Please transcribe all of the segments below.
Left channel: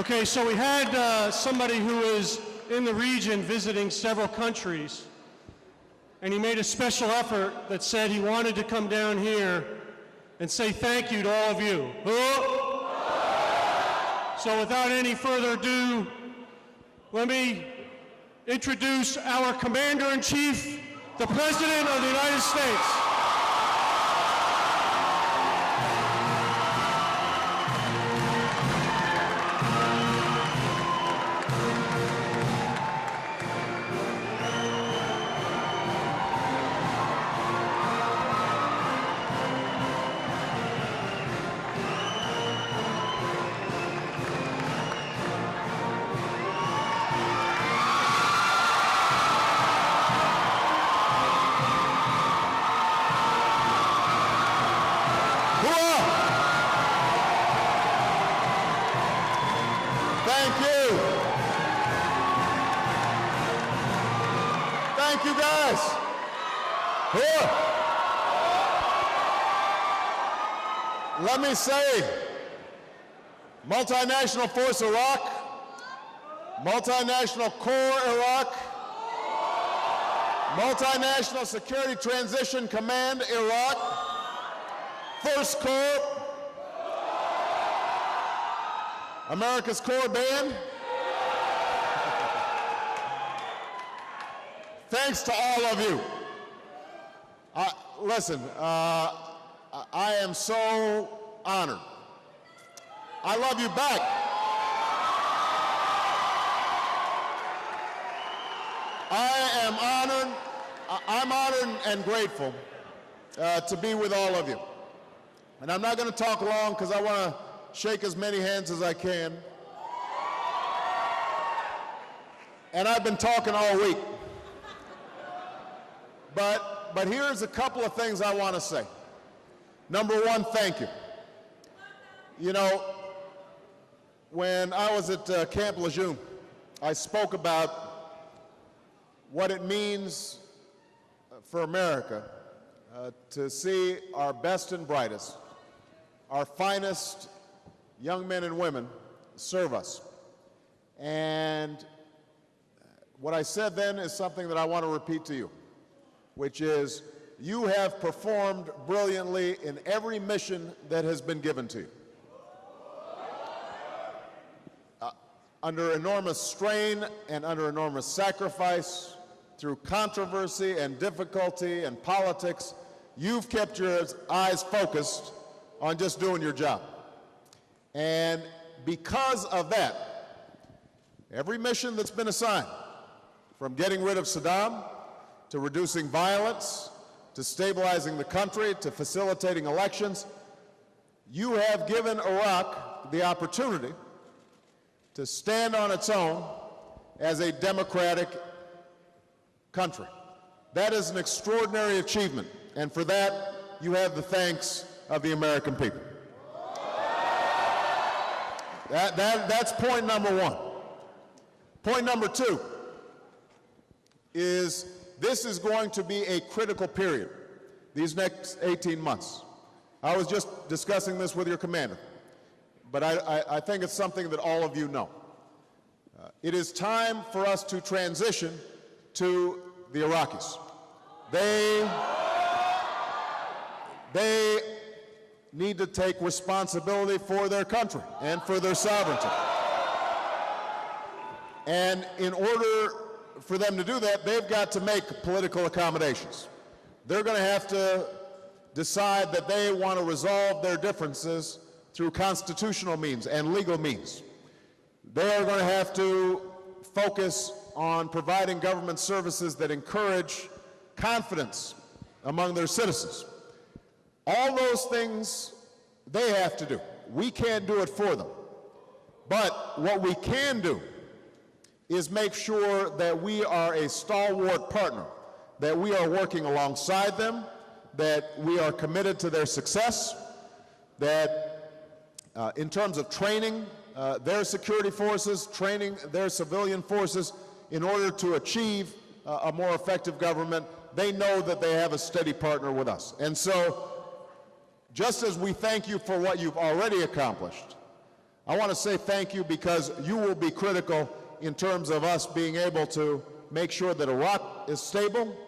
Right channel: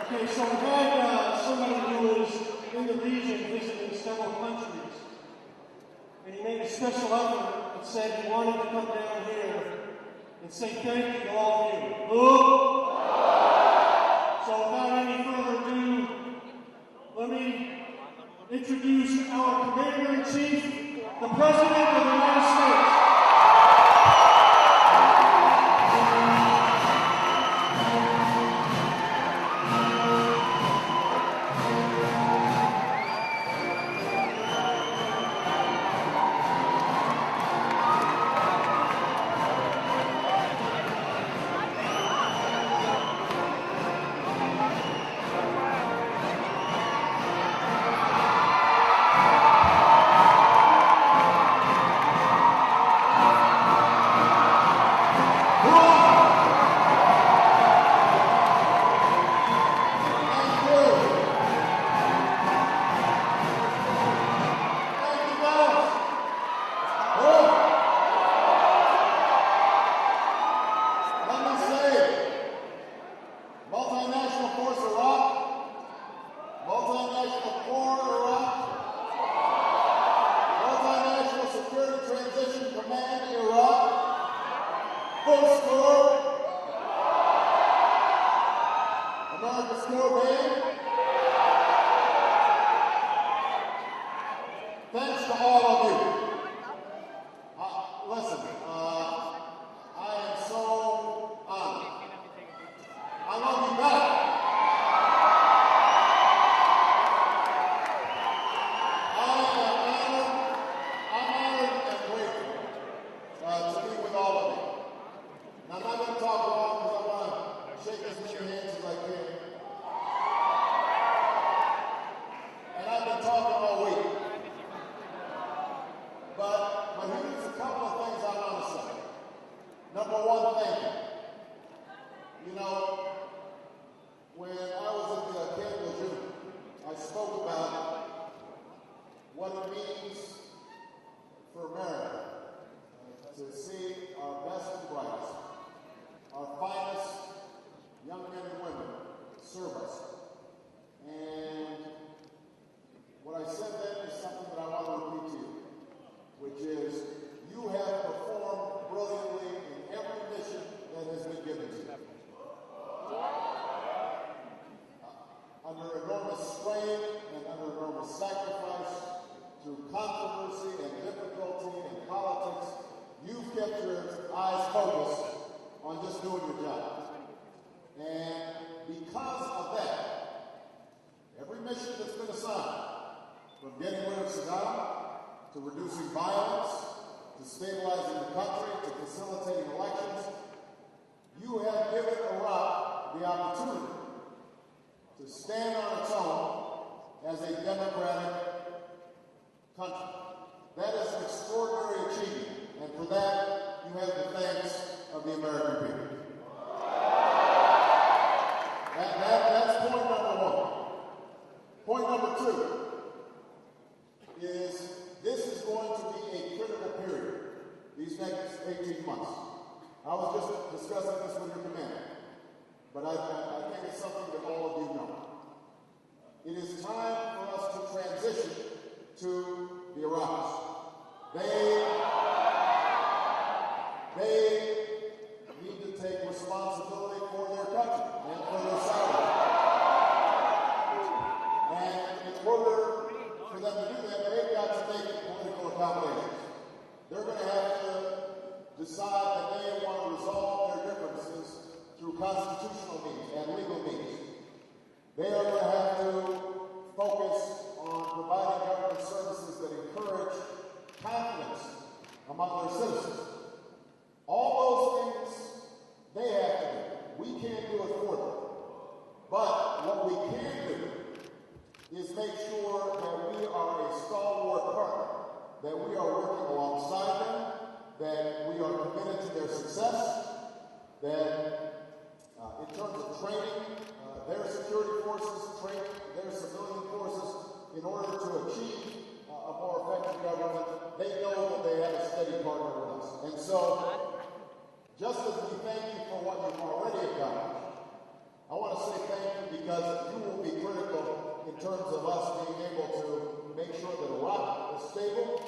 Okay, so we had somebody who is in the region visiting several countries, and he made a special effort that said he wanted to come down here and say thank you to all of you. Who? So without any further ado, let me introduce our Commander-in-Chief, the President of the United States. Let me say, Multinational Force Iraq, Multinational Corps Iraq, Multinational Security Transition Command Iraq, Force Corps, America's Corps Band. Thanks to all of you. Listen, I am so honored. I love you back. I'm honored and grateful to be with all of you. And I'm not going to talk long because I want to shake as many hands as I can. And I've been talking all week. But here's a couple of things I want to say. Number one, thank you. You know, when I was at Camp Lejeune, I spoke about what it means for America to see our best and brightest, our finest young men and women serve us. And what I said then is something that I want to repeat to you, which is you have performed brilliantly in every mission that has been given to you. Under enormous strain and under enormous sacrifice, through controversy and difficulty and politics, you've kept your eyes focused on just doing your job. And because of that, every mission that's been assigned, from getting rid of Saddam, to reducing violence, to stabilizing the country, to facilitating elections, you have given Iraq the opportunity to stand on its own as a democratic country. That is an extraordinary achievement, and for that, you have the thanks of the American people. That's point number one. Point number two is this is going to be a critical period, these next 18 months. I was just discussing this with your commander, but I think it's something that all of you know. It is time for us to transition to the Iraqis. They need to take responsibility for their country and for their sovereignty. And in order for them to do that, they've got to make political accommodations. They're going to have to decide that they want to resolve their differences through constitutional means and legal means. They are going to have to focus on providing government services that encourage confidence among their citizens. All those things they have to do. We can't do it for them. But what we can do is make sure that we are a stalwart partner, that we are working alongside them, that we are committed to their success, that in terms of training their security forces, training their civilian forces in order to achieve a more effective government, they know that they have a steady partner with us. And so, just as we thank you for what you've already accomplished, I want to say thank you because you will be critical in terms of us being able to make sure that Iraq is stable,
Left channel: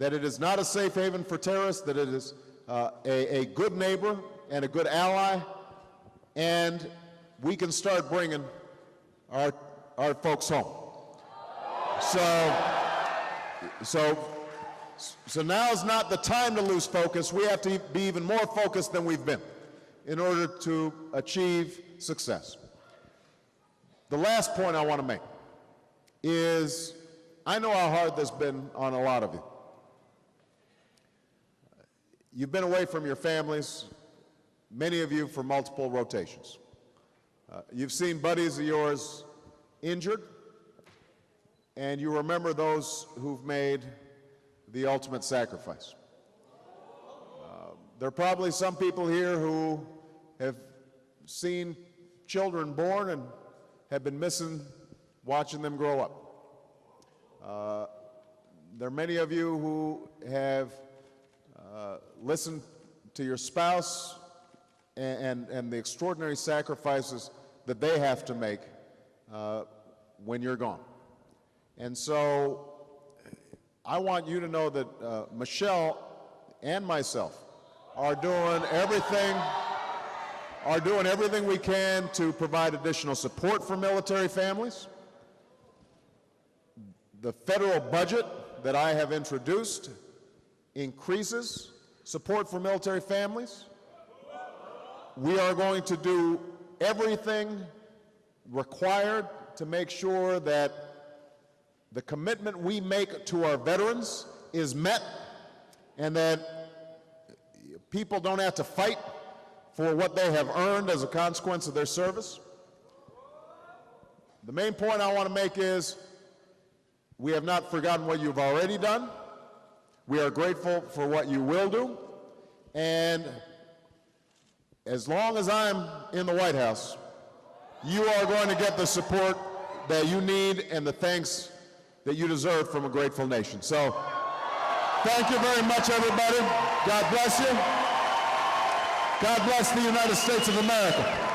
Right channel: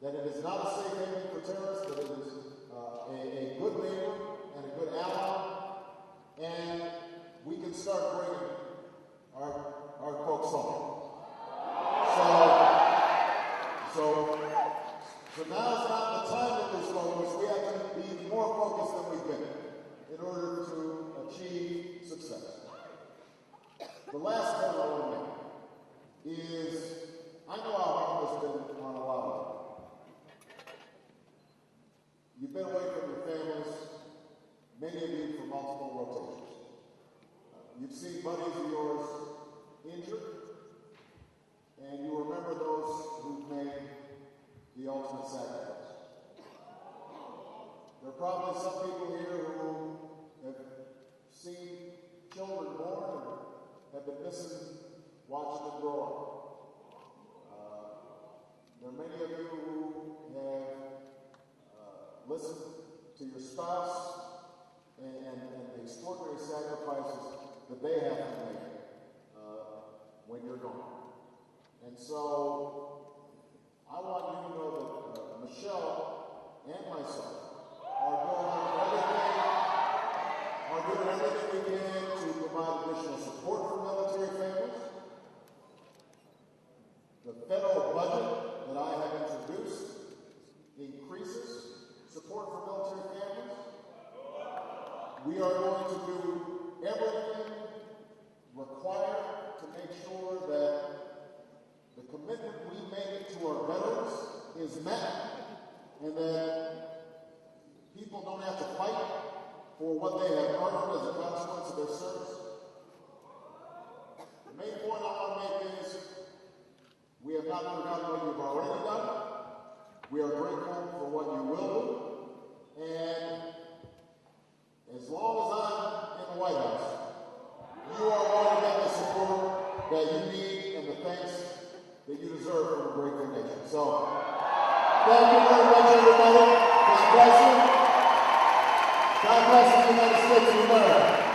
that it is not a safe haven for terrorists, that it is a good neighbor and a good ally, and we can start bringing our folks home. So now is not the time to lose focus. We have to be even more focused than we've been in order to achieve success. The last point I want to make is, I know how hard this has been on a lot of you. You've been away from your families, many of you for multiple rotations. You've seen buddies of yours injured, and you remember those who've made the ultimate sacrifice. There are probably some people here who have seen children born and have been missing watching them grow up. There are many of you who have listened to your spouse and the extraordinary sacrifices that they have to make when you're gone. And so I want you to know that Michelle and myself are doing everything we can to provide additional support for military families. The federal budget that I have introduced increases support for military families. We are going to do everything required to make sure that the commitment we make to our veterans is met and that people don't have to fight for what they have earned as a consequence of their service. The main point I want to make is we have not forgotten what you've already done. We are grateful for what you will do. And as long as I'm in the White House, you are going to get the support that you need and the thanks that you deserve from a grateful nation. So, thank you very much, everybody. God bless you. God bless the United States of America.